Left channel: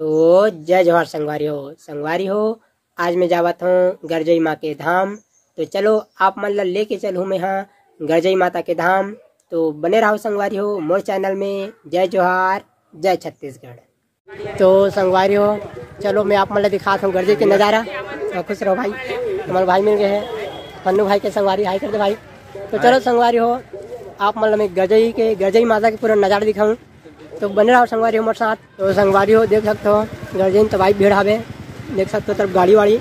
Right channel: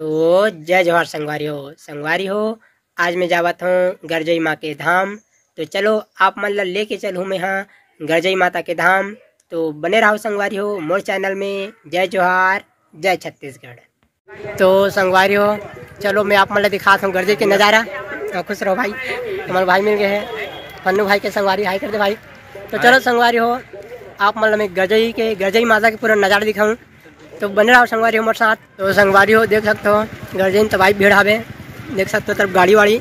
तो जय जवाहर संगवारी हो। आज मैं जावत हूँ गरजई माँ के धाम। तो चलो आप मन ला लेके चलूँ मैं यहाँ गरजई माता के धाम। तो बने रहो संगवारी हो मोर चैनल में। जय जवाहर जय छत्तीसगढ़। तो संगवारी हो चलो मैं आप मन ला दिखाता हूँ गरजई के नज़ारा। तो खुश रहो भाई, हमारे भाई मिल गए हैं पन्नू भाई के संगवारी। हाई कर दे भाई। तो चलो संगवारी हो आप मतलब मैं गरजई माता के पूरा नज़ारा दिखाऊँ। तो बने रहो संगवारी हो हमारे साथ। तो संगवारी हो देख सकते हो गरजई में तबाही भीड़ हावे, देख सकते हो तरफ गाड़ी वाड़ी।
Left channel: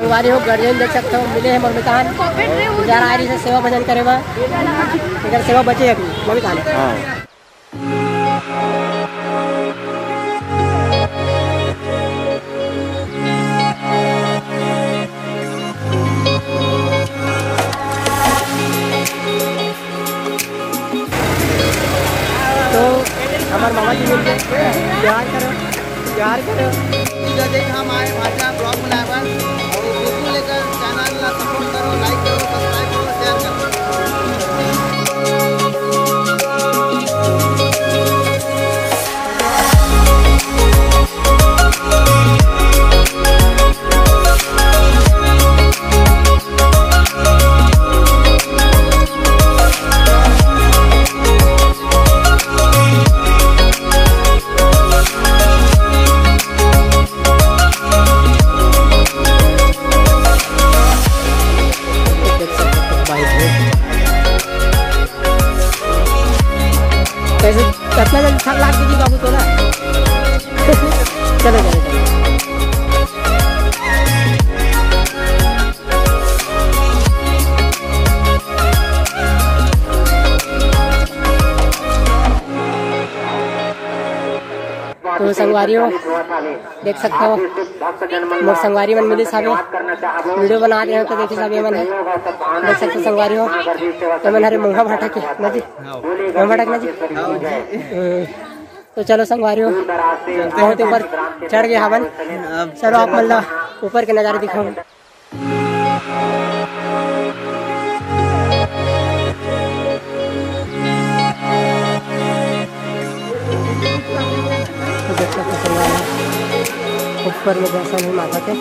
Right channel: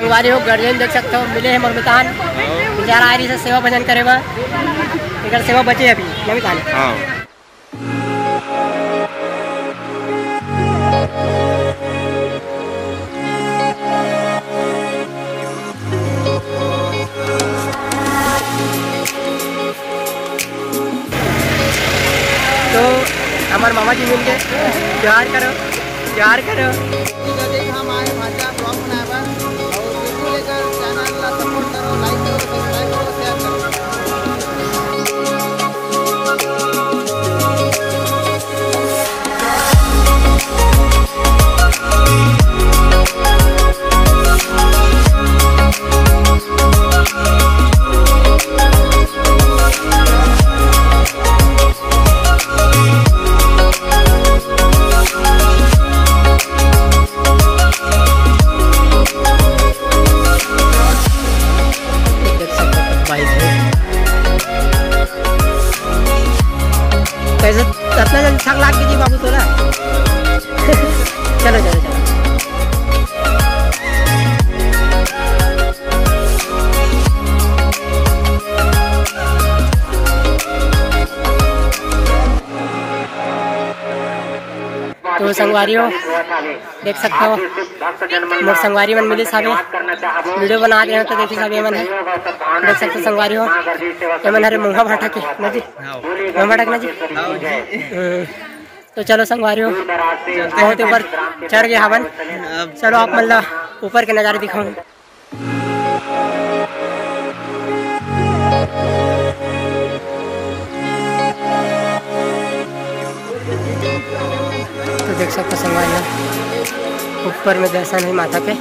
संगवारी हो गरजई देख सकते हो मिले हैं मरमितान बेचारा आ रही से सेवा भजन करे बा। इधर सेवा बचे अभी मरमितान। तो हमारे मामा जी मिल गए। प्यार करो प्यार करो। हम आए भाषा ब्लॉग बनाए और बिल्कुल लेकर चैनल ला सपोर्ट करो, लाइक करो, सब्सक्राइब करो, शेयर करो। कैसे कितना जल्दी थक लाग कीजिए बाबू तो ना। चलो चलो चलो। तो संगवारी हो देख सकते हो मोर संगवारी मन मिली साबे वीडियो बना रहे हो। तो देखिए साबे मन है देख सकते हो संगवारी हो एमन हरे मुँहा भाटा के ना जी, मुँहा भाटा के ना जी। तो चलो संगवारी हो बहुत ऊपर चढ़ गया हवन। चलो आप मतलब ऊपर के नज़ारे दिखाऊँ। तो देख सकते संगवारी ऊपर में दर्शन है माता के।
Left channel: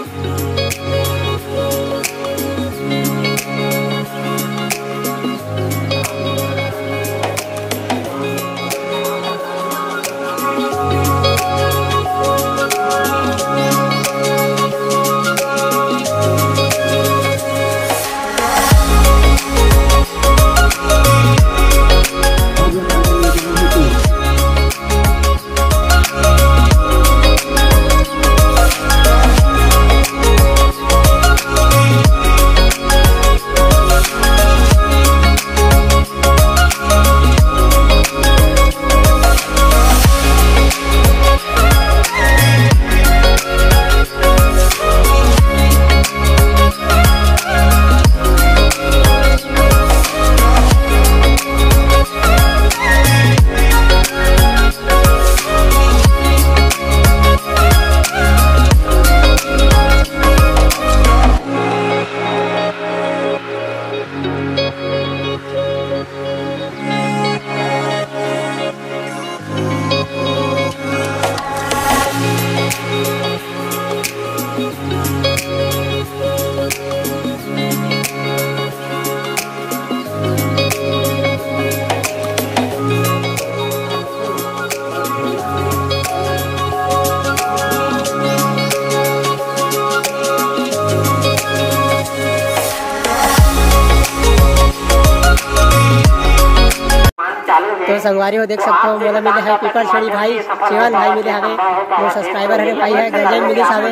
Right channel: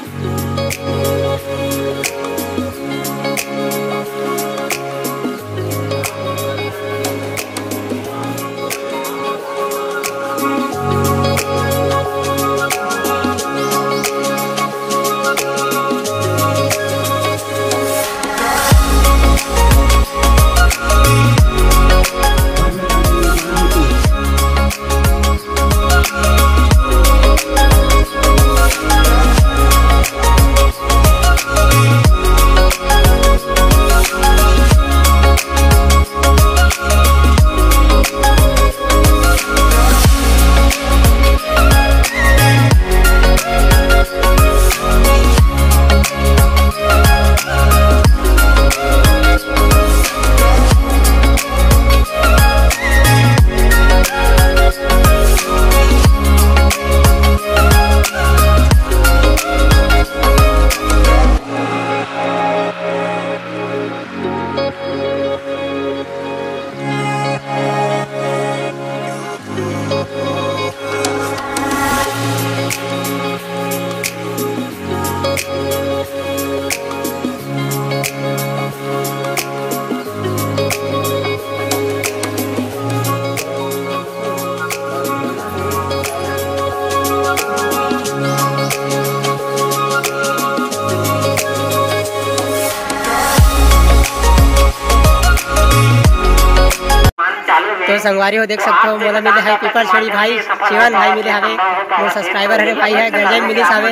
तो संगवारी हो देख सकते हो मोला मिले है पीपर छोड़ी भाई शिवन भाई मिले हवे मोर सब्सक्राइबर हरे भाई है गरजई मिली हवे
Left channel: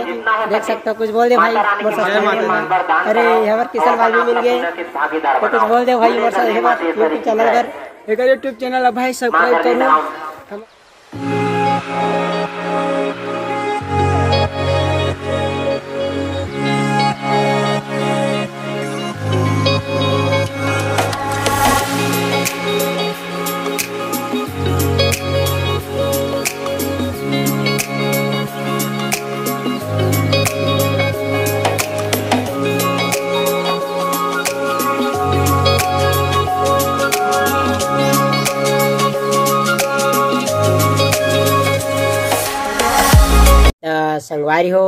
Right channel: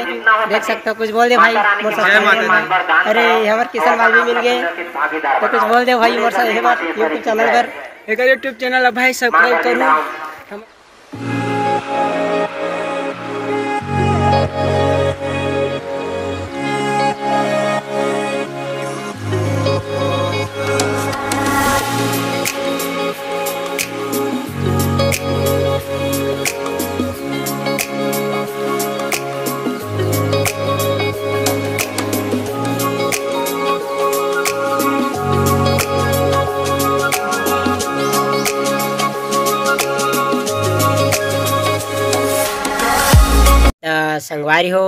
देख सकते हो। कुछ बोल दे भाई मोर सब्सक्राइबर। अरे हमारे किशन भाई भी मिल गए तो कुछ बोल दे भाई मोर यूट्यूब चैनल पर। एक यूट्यूब चैनल है भाई सब्सक्राइब करूँ। संगवारी हो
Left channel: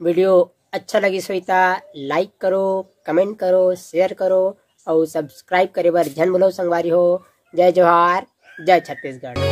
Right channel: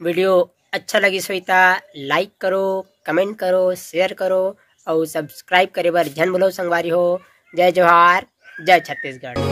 वीडियो अच्छा लगी सोईता लाइक करो, कमेंट करो, शेयर करो और सब्सक्राइब करे बर झन भूलो संगवारी हो। जय जोहार, जय छत्तीसगढ़।